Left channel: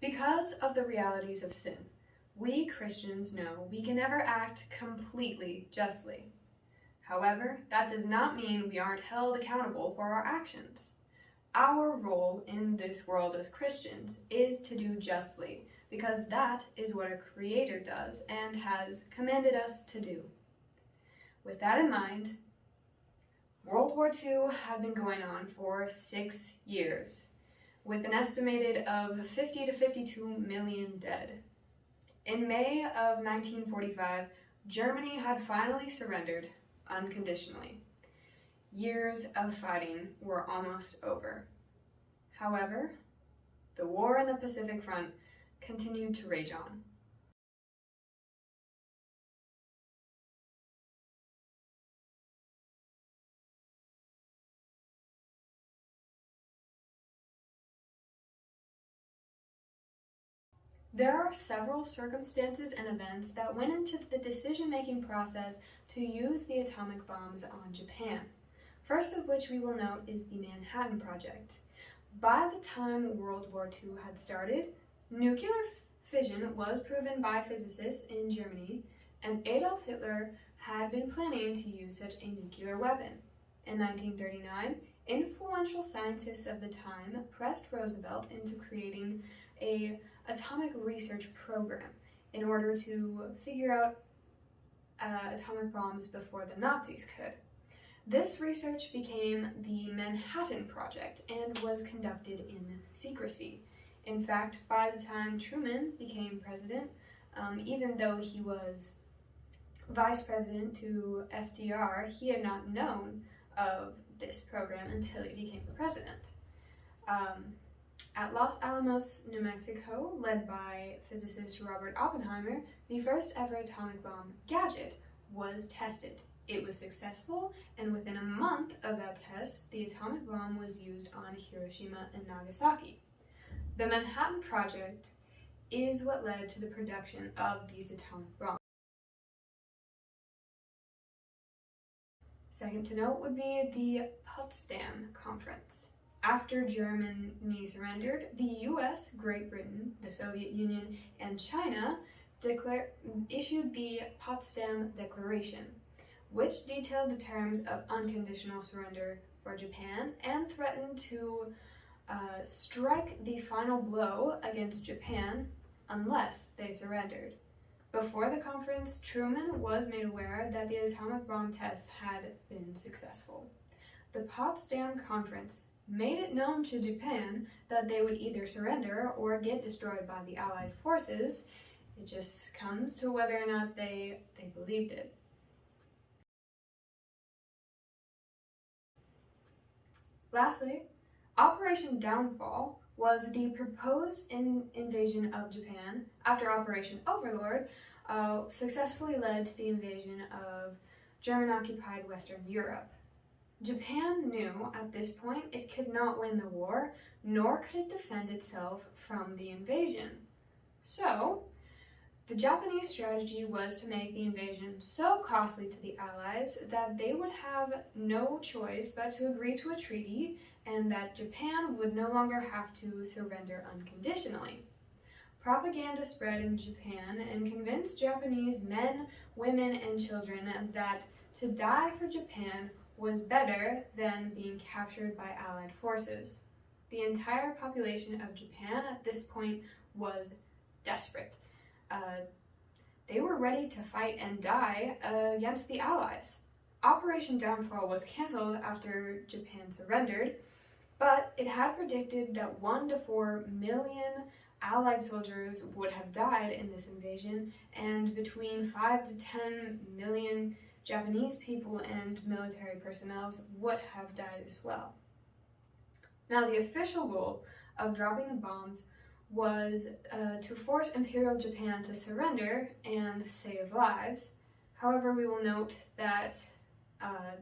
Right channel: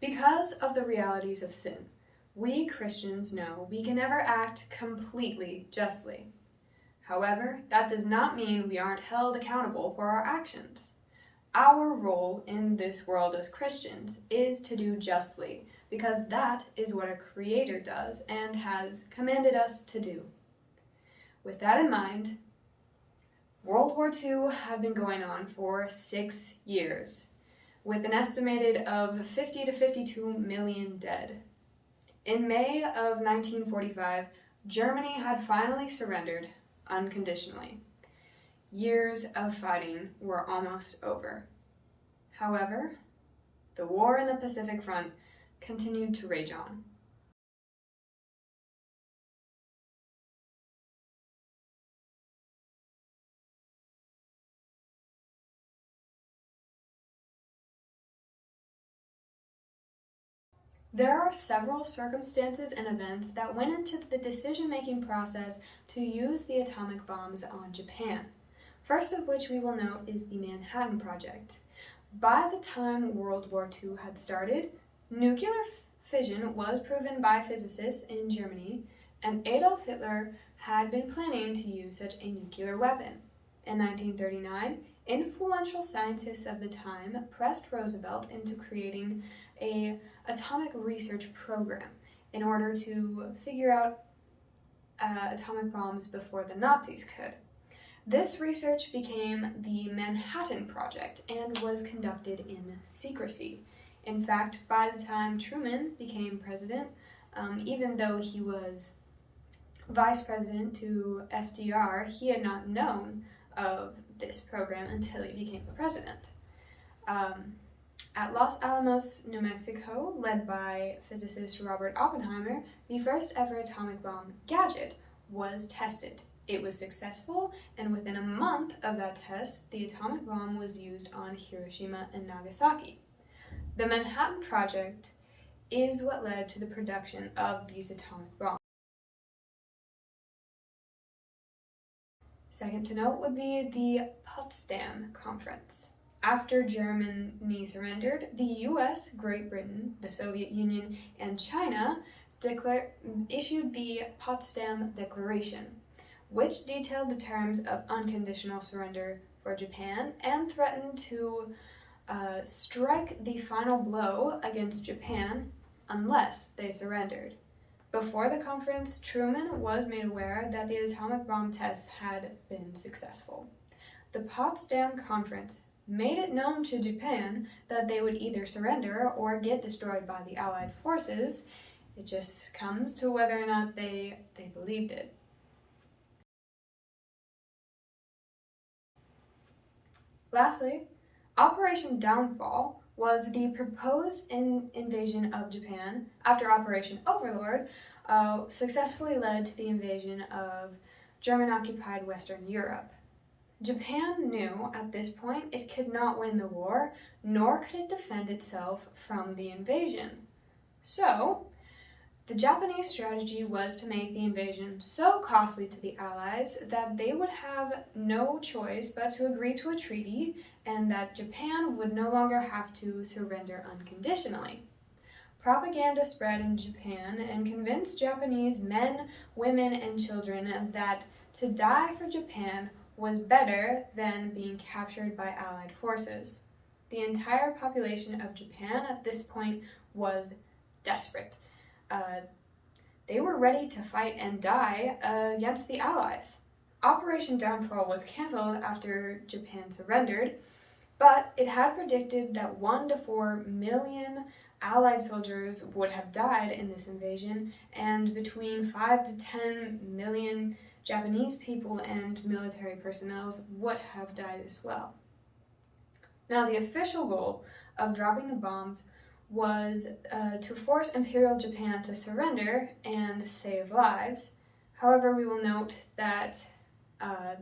Because of the realities of sin, we Christians know we can never act completely justly. However, that does not mean we aren't held accountable for our actions. Our role in this world as Christians is to do justly, because that is what our Creator does and has commanded us to do. With that in mind, World War II had been going on for 6 years, with an estimated of 50 to 52 million dead. In May of 1945, Germany had finally surrendered unconditionally. Years of fighting were almost over. However, the war in the Pacific Front continued to rage on. There are several circumstances and events that went into the decision-making process to use the atomic bombs on Japan. First of which we will note is the Manhattan Project. By the time World War II had started, nuclear fission was proven by physicists in Germany, and Adolf Hitler had been planning to use such a nuclear weapon. In 1939, influential scientists of the time pressed Roosevelt into creating an atomic research program in order to figure out atomic bombs before the Nazis could. This research became the Manhattan Project and was conducted in secrecy. In fact, by the time Truman became president, even though he was vice president to FDR, he had not known of this program until he became the president. At Los Alamos, New Mexico, led by physicist Robert Oppenheimer, the first ever atomic bomb gadget was tested. It was successful, and within a month of that test, the atomic bomb was used on Hiroshima and Nagasaki. The Manhattan Project is what led to the production of these atomic bombs. Second to note would be the Potsdam Conference. After Germany surrendered, the US, Great Britain, the Soviet Union, and China issued the Potsdam Declaration, which detailed the terms of unconditional surrender for Japan and threatened to strike the final blow against Japan unless they surrendered. Before the conference, Truman was made aware that the atomic bomb test had been successful. The Potsdam Conference made it known to Japan that they would either surrender or get destroyed by the Allied forces. It just comes to whether or not they believed it. Lastly, Operation Downfall was the proposed invasion of Japan after Operation Overlord successfully led to the invasion of German-occupied Western Europe. Japan knew at this point it could not win the war, nor could it defend itself from the invasion. So, the Japanese strategy was to make the invasion so costly to the Allies that they would have no choice but to agree to a treaty and that Japan would no longer have to surrender unconditionally. Propaganda spread in Japan and convinced Japanese men, women, and children that to die for Japan was better than being captured by Allied forces. The entire population of Japan at this point was desperate. They were ready to fight and die against the Allies. Operation Downfall was canceled after Japan surrendered, but it had predicted that 1 to 4 million Allied soldiers would have died in this invasion, and between 5 to 10 million Japanese people and military personnel would have died as well. Now, the official goal of dropping the bombs was to force Imperial Japan to surrender and save lives. However, we will note that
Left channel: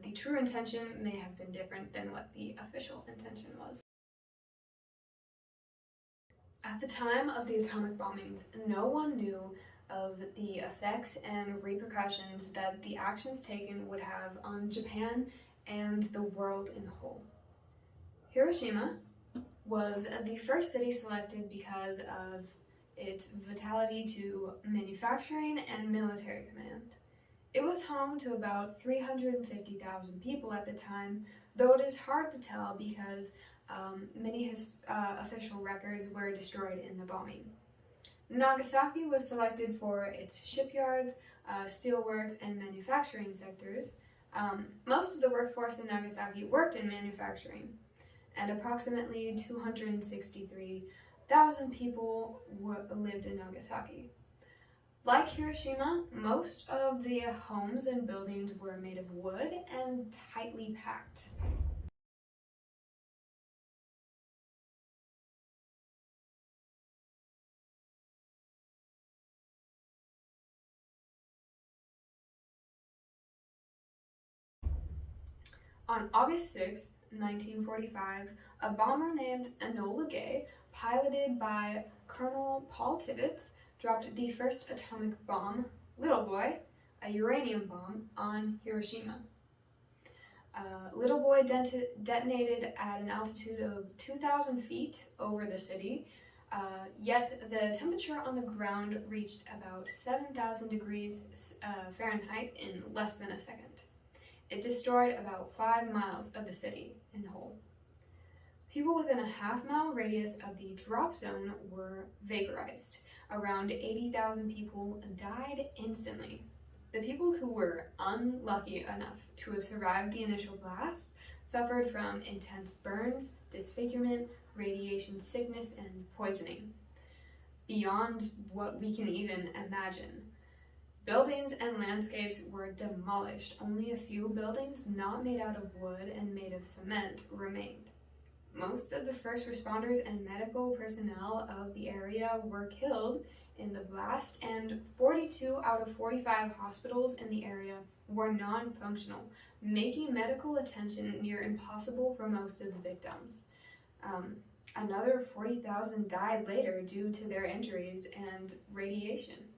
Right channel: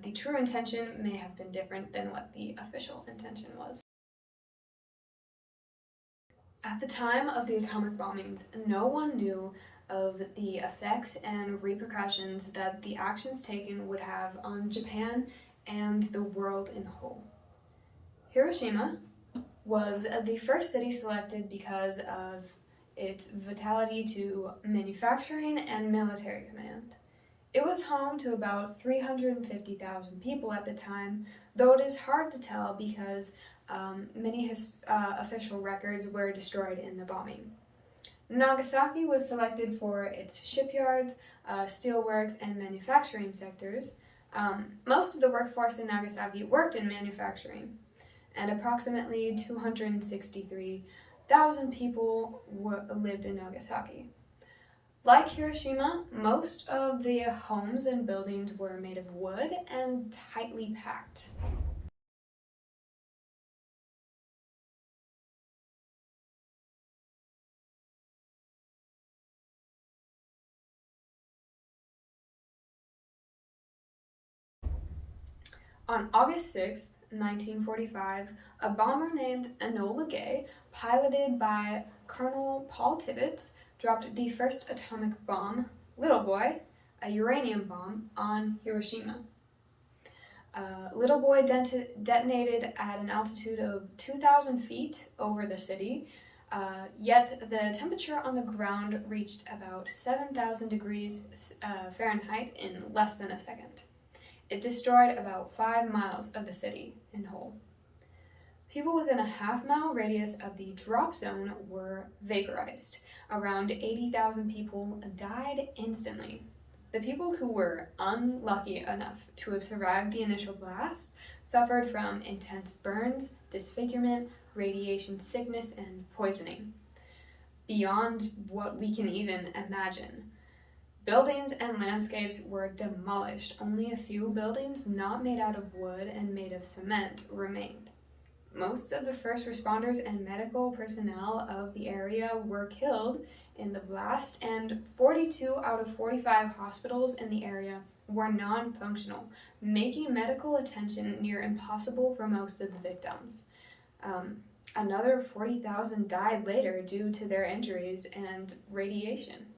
the true intention may have been different than what the official intention was. At the time of the atomic bombings, no one knew of the effects and repercussions that the actions taken would have on Japan and the world in whole. Hiroshima was the first city selected because of its vitality to manufacturing and military command. It was home to about 350,000 people at the time, though it is hard to tell because many official records were destroyed in the bombing. Nagasaki was selected for its shipyards, steelworks, and manufacturing sectors. Most of the workforce in Nagasaki worked in manufacturing, and approximately 263,000 people lived in Nagasaki. Like Hiroshima, most of the homes and buildings were made of wood and tightly packed. On August 6, 1945, a bomber named Enola Gay, piloted by Colonel Paul Tibbets, dropped the first atomic bomb, Little Boy, a uranium bomb, on Hiroshima. Little Boy detonated at an altitude of 2,000 feet over the city, yet the temperature on the ground reached about 7,000 degrees Fahrenheit in less than a second. It destroyed about 5 miles of the city in whole. People within a half-mile radius of the drop zone were vaporized. Around 80,000 people died instantly. The people who were unlucky enough to have survived the initial blast suffered from intense burns, disfigurement, radiation sickness, and poisoning, beyond what we can even imagine. Buildings and landscapes were demolished. Only a few buildings not made out of wood and made of cement remained. Most of the first responders and medical personnel of the area were killed in the blast, and 42 out of 45 hospitals in the area were non-functional, making medical attention near impossible for most of the victims. Another 40,000 died later due to their injuries and radiation.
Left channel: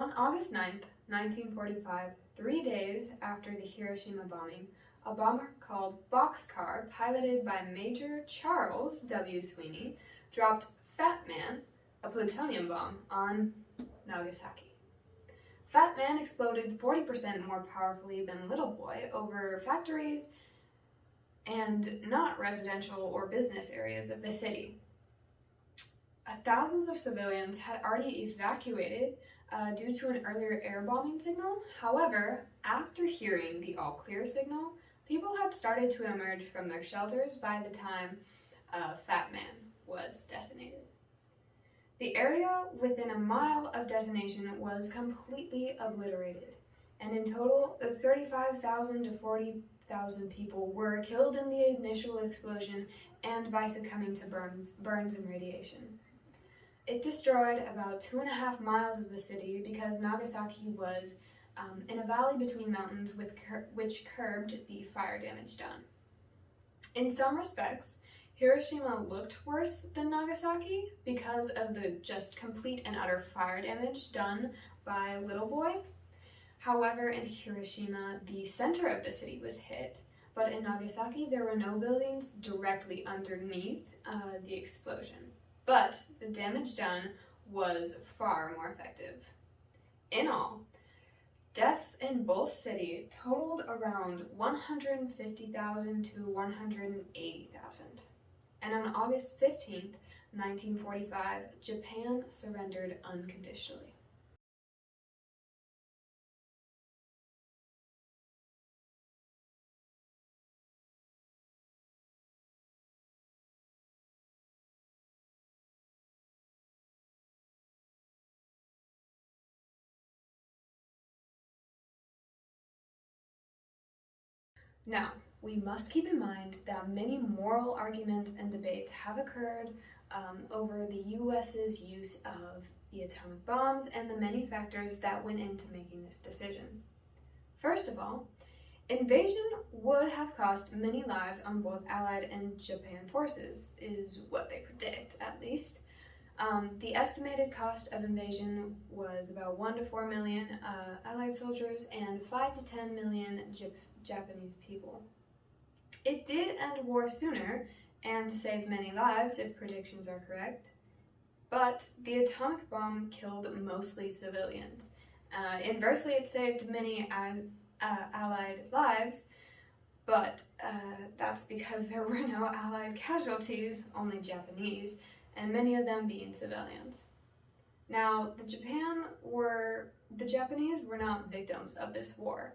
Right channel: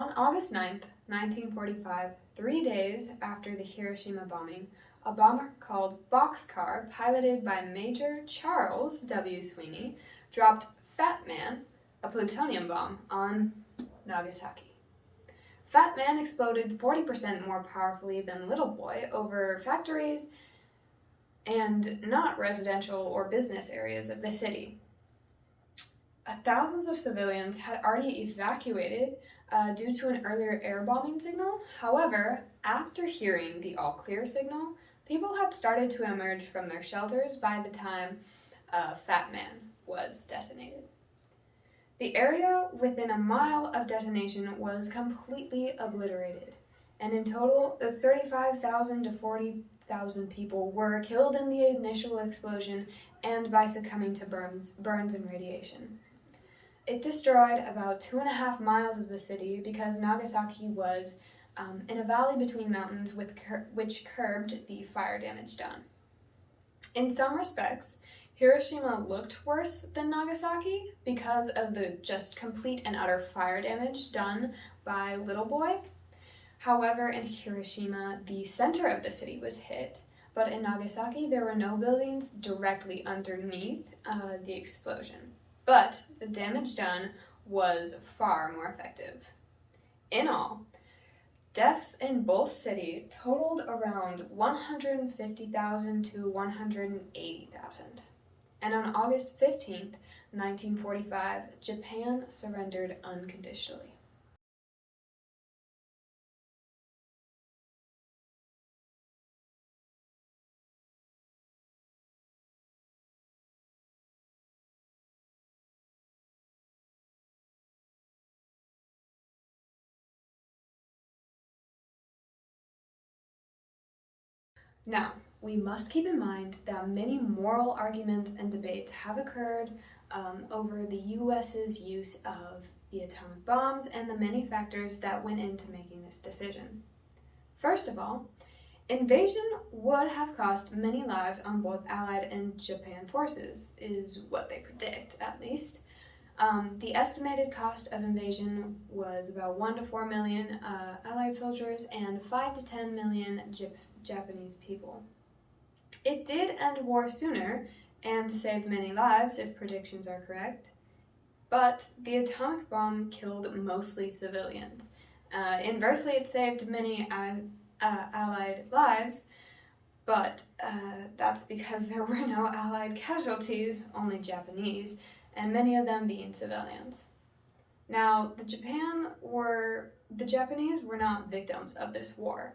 On August 9th, 1945, 3 days after the Hiroshima bombing, a bomber called Boxcar, piloted by Major Charles W. Sweeney, dropped Fat Man, a plutonium bomb, on Nagasaki. Fat Man exploded 40% more powerfully than Little Boy over factories and not residential or business areas of the city. Thousands of civilians had already evacuated due to an earlier air bombing signal. However, after hearing the all-clear signal, people had started to emerge from their shelters by the time Fat Man was detonated. The area within a mile of detonation was completely obliterated, and in total, 35,000 to 40,000 people were killed in the initial explosion and by succumbing to burns and radiation. It destroyed about 2.5 miles of the city because Nagasaki was in a valley between mountains which curbed the fire damage done. In some respects, Hiroshima looked worse than Nagasaki because of the just complete and utter fire damage done by Little Boy. However, in Hiroshima, the center of the city was hit, but in Nagasaki, there were no buildings directly underneath the explosion. But the damage done was far more effective. In all, deaths in both cities totaled around 150,000 to 180,000. And on August 15th, 1945, Japan surrendered unconditionally. Now, we must keep in mind that many moral arguments and debates have occurred over the US's use of the atomic bombs and the many factors that went into making this decision. First of all, invasion would have cost many lives on both Allied and Japan forces, is what they predict, at least. The estimated cost of invasion was about 1 to 4 million Allied soldiers and 5 to 10 million Japanese people. It did end war sooner and saved many lives if predictions are correct, but the atomic bomb killed mostly civilians. Inversely, it saved many Allied lives, but that's because there were no Allied casualties, only Japanese, and many of them being civilians. Now, the Japanese were not victims of this war.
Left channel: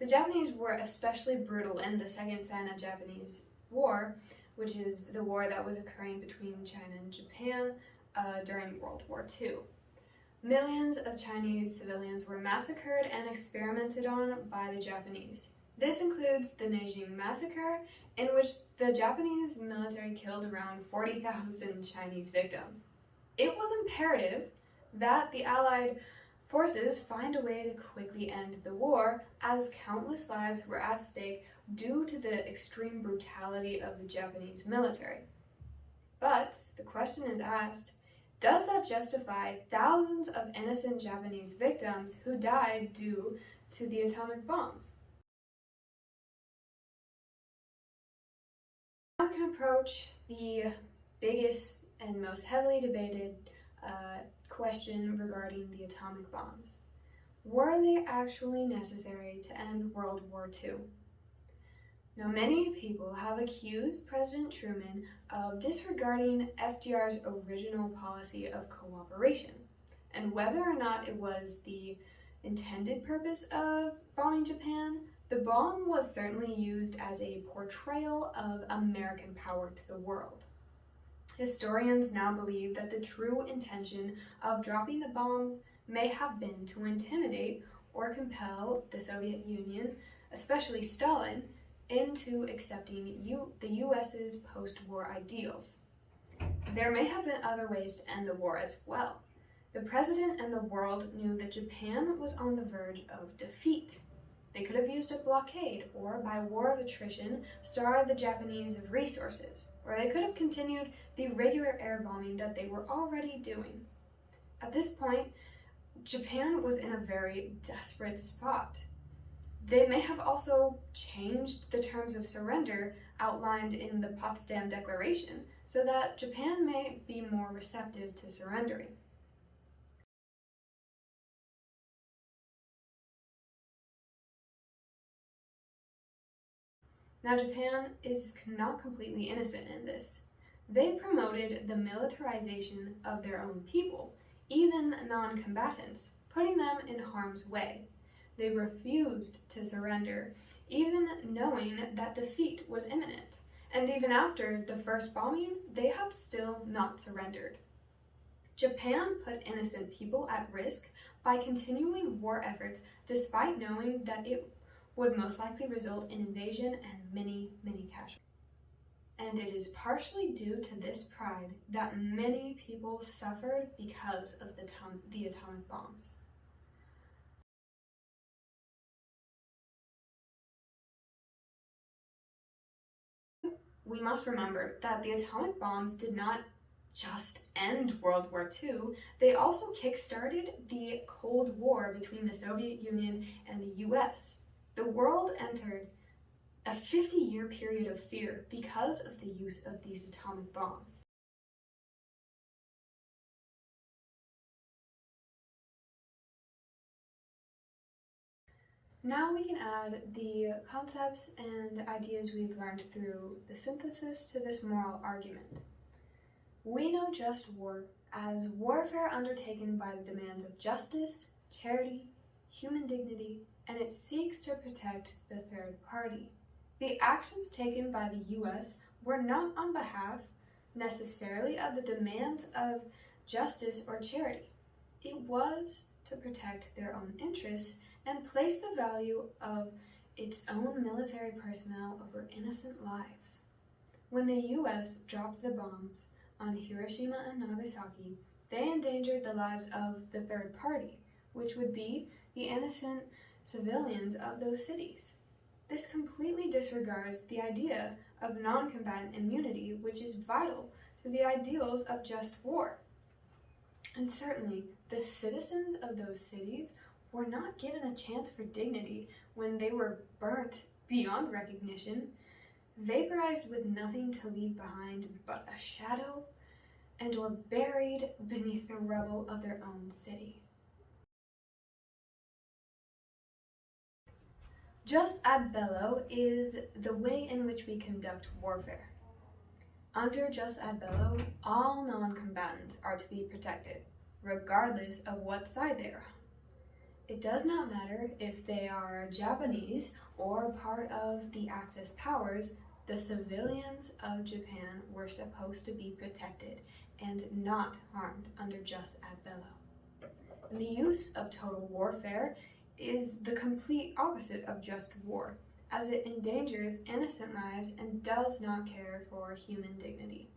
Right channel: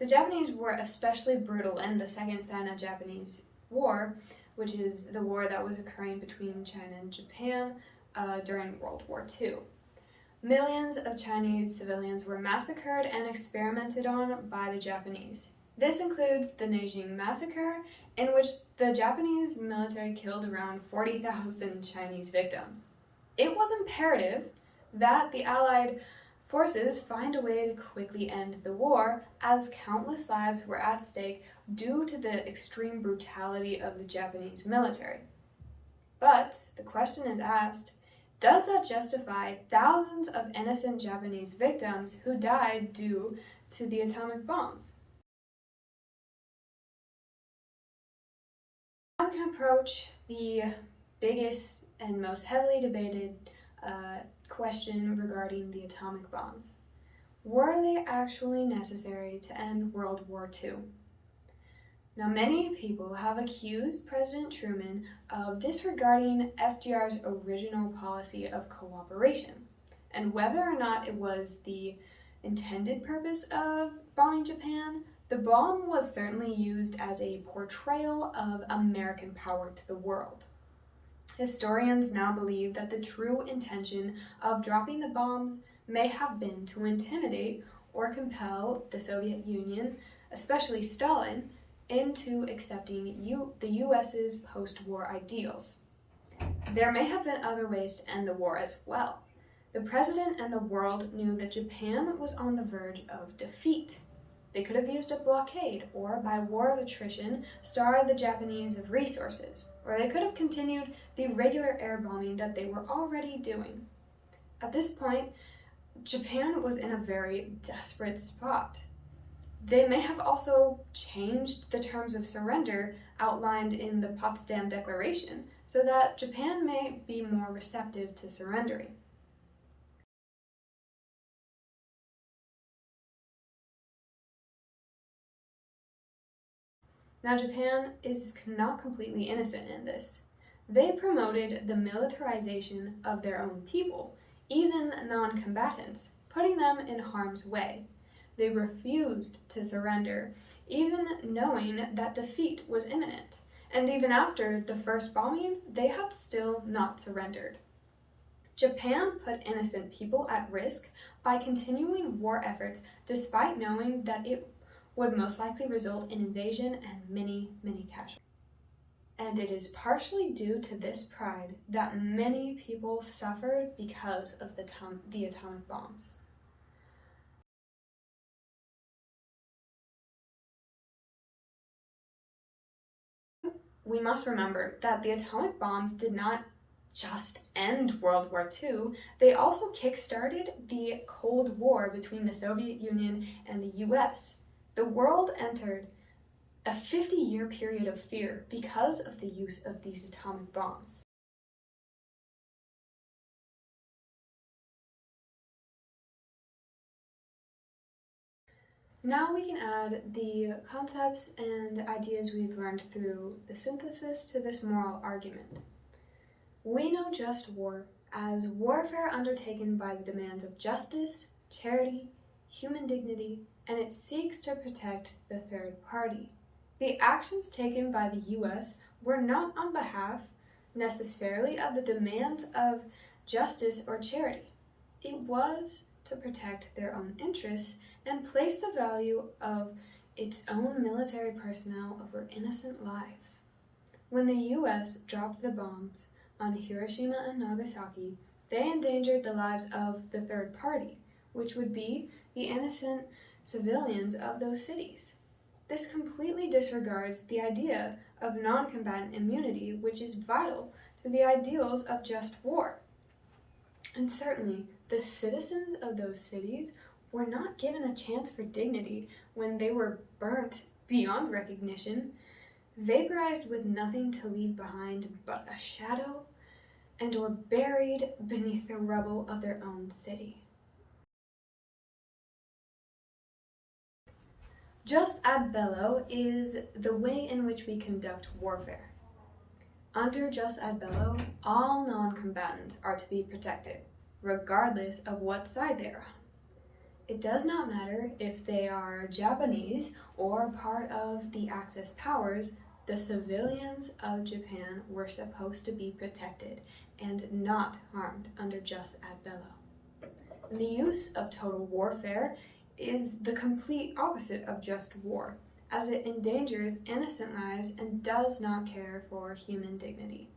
The Japanese were especially brutal in the Second Sino-Japanese War, which is the war that was occurring between China and Japan during World War II. Millions of Chinese civilians were massacred and experimented on by the Japanese. This includes the Nanjing Massacre, in which the Japanese military killed around 40,000 Chinese victims. It was imperative that the Allied forces find a way to quickly end the war, as countless lives were at stake due to the extreme brutality of the Japanese military. But the question is asked, does that justify thousands of innocent Japanese victims who died due to the atomic bombs? Now we can approach the biggest and most heavily debated question regarding the atomic bombs. Were they actually necessary to end World War II? Now, many people have accused President Truman of disregarding FDR's original policy of cooperation, and whether or not it was the intended purpose of bombing Japan, the bomb was certainly used as a portrayal of American power to the world. Historians now believe that the true intention of dropping the bombs may have been to intimidate or compel the Soviet Union, especially Stalin, into accepting the US's post-war ideals. There may have been other ways to end the war as well. The president and the world knew that Japan was on the verge of defeat. They could have used a blockade, or by war of attrition, starved the Japanese of resources, or they could have continued the regular air bombing that they were already doing. At this point, Japan was in a very desperate spot. They may have also changed the terms of surrender outlined in the Potsdam Declaration so that Japan may be more receptive to surrendering. Now, Japan is not completely innocent in this. They promoted the militarization of their own people, even non-combatants, putting them in harm's way. They refused to surrender, even knowing that defeat was imminent. And even after the first bombing, they had still not surrendered. Japan put innocent people at risk by continuing war efforts despite knowing that it would most likely result in invasion and many, many casualties. And it is partially due to this pride that many people suffered because of the atomic bombs. We must remember that the atomic bombs did not just end World War II, they also kick-started the Cold War between the Soviet Union and the US. The world entered a 50-year period of fear because of the use of these atomic bombs. Now we can add the concepts and ideas we've learned through the synthesis to this moral argument. We know just war as warfare undertaken by the demands of justice, charity, human dignity, and it seeks to protect the third party. The actions taken by the US were not on behalf necessarily of the demands of justice or charity. It was to protect their own interests and place the value of its own military personnel over innocent lives. When the US dropped the bombs on Hiroshima and Nagasaki, they endangered the lives of the third party, which would be the innocent civilians of those cities. This completely disregards the idea of non-combatant immunity, which is vital to the ideals of just war. And certainly, the citizens of those cities were not given a chance for dignity when they were burnt beyond recognition, vaporized with nothing to leave behind but a shadow, and or buried beneath the rubble of their own city. Jus ad bello is the way in which we conduct warfare. Under jus ad bello, all non-combatants are to be protected, regardless of what side they are on. It does not matter if they are Japanese or part of the Axis powers, the civilians of Japan were supposed to be protected and not harmed under jus ad bello. And the use of total warfare is the complete opposite of just war, as it endangers innocent lives and does not care for human dignity.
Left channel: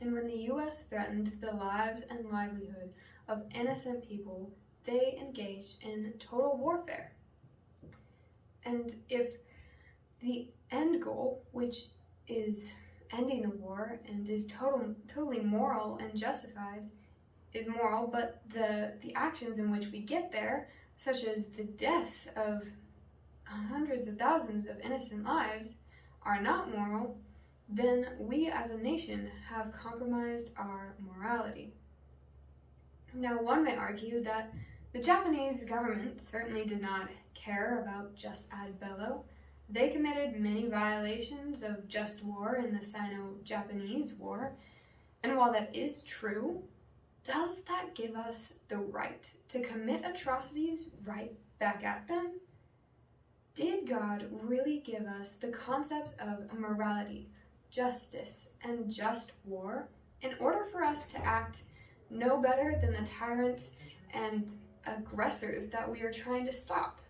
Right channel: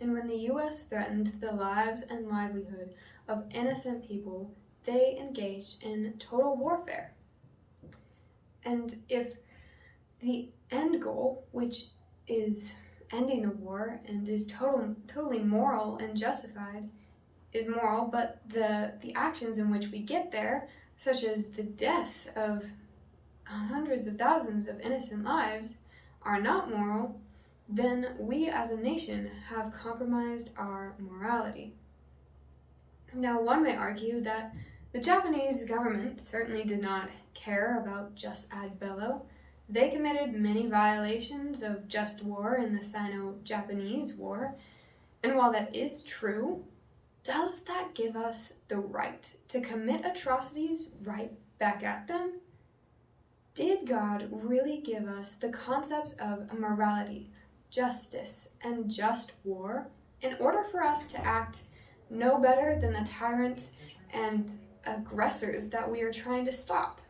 And when the US threatened the lives and livelihood of innocent people, they engaged in total warfare. And if the end goal, which is ending the war and is totally moral and justified, is moral, but the actions in which we get there, such as the deaths of hundreds of thousands of innocent lives, are not moral, then we as a nation have compromised our morality. Now, one may argue that the Japanese government certainly did not care about jus ad bello. They committed many violations of just war in the Sino-Japanese War, and while that is true, does that give us the right to commit atrocities right back at them? Did God really give us the concepts of morality, justice, and just war in order for us to act no better than the tyrants and aggressors that we are trying to stop?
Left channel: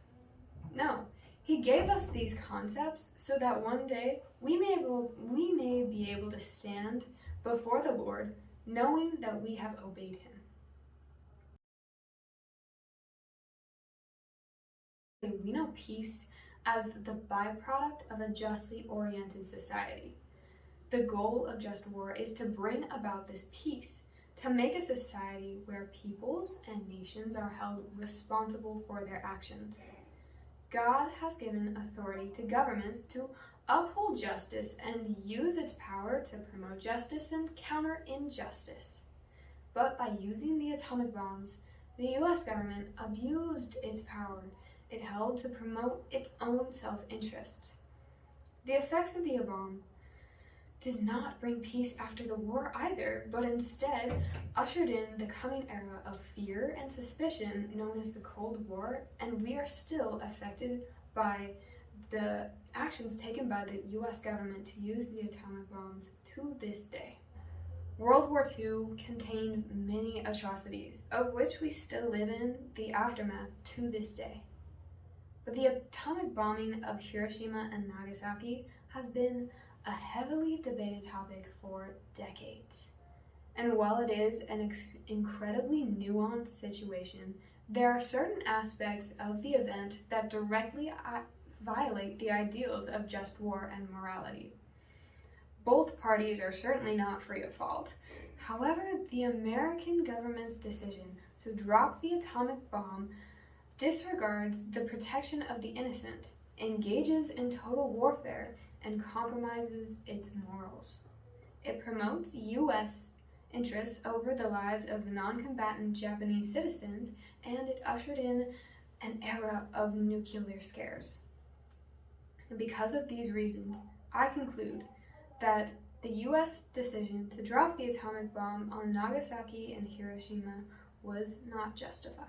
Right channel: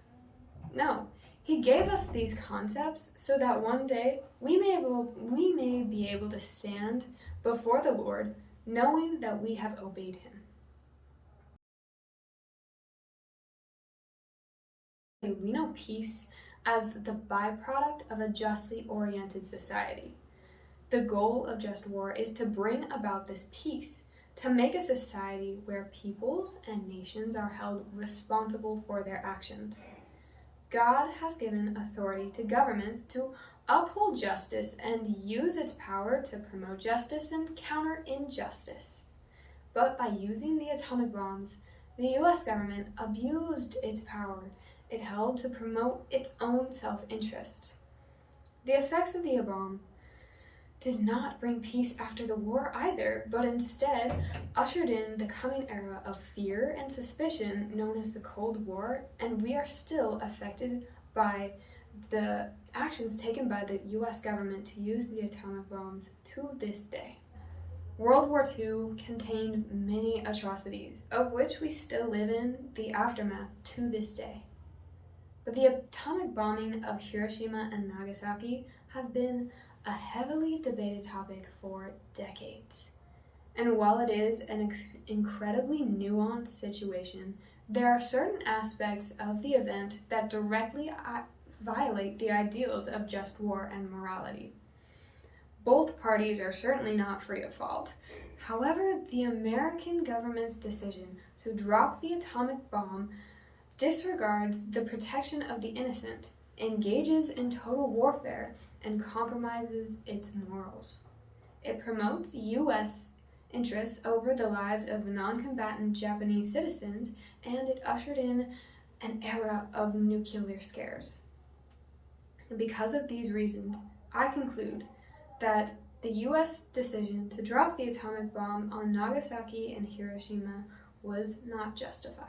No. He gave us these concepts so that one day we may be able to stand before the Lord knowing that we have obeyed him. We know peace as the byproduct of a justly oriented society. The goal of just war is to bring about this peace, to make a society where peoples and nations are held responsible for their actions. God has given authority to governments to uphold justice and use its power to promote justice and counter injustice. But by using the atomic bombs, the US government abused its power it held to promote its own self-interest. The effects of the bomb did not bring peace after the war either, but instead ushered in the coming era of fear and suspicion known as the Cold War, and we are still affected by the actions taken by the US government to use the atomic bombs to this day. World War II contained many atrocities, of which we still live in the aftermath to this day. But the atomic bombing of Hiroshima and Nagasaki has been a heavily debated topic for decades. And while it is an incredibly nuanced situation, there are certain aspects of the event that directly violate the ideals of just war and morality. Both parties are certainly not free of fault. However, the American government's decision to drop the atomic bomb disregards the protection of the innocent, engages in total warfare, and compromises its morals. It promotes U.S. interests over the lives of non-combatant Japanese citizens, and it ushered in an era of nuclear scares. And because of these reasons, I conclude that the U.S. decision to drop the atomic bomb on Nagasaki and Hiroshima was not justified.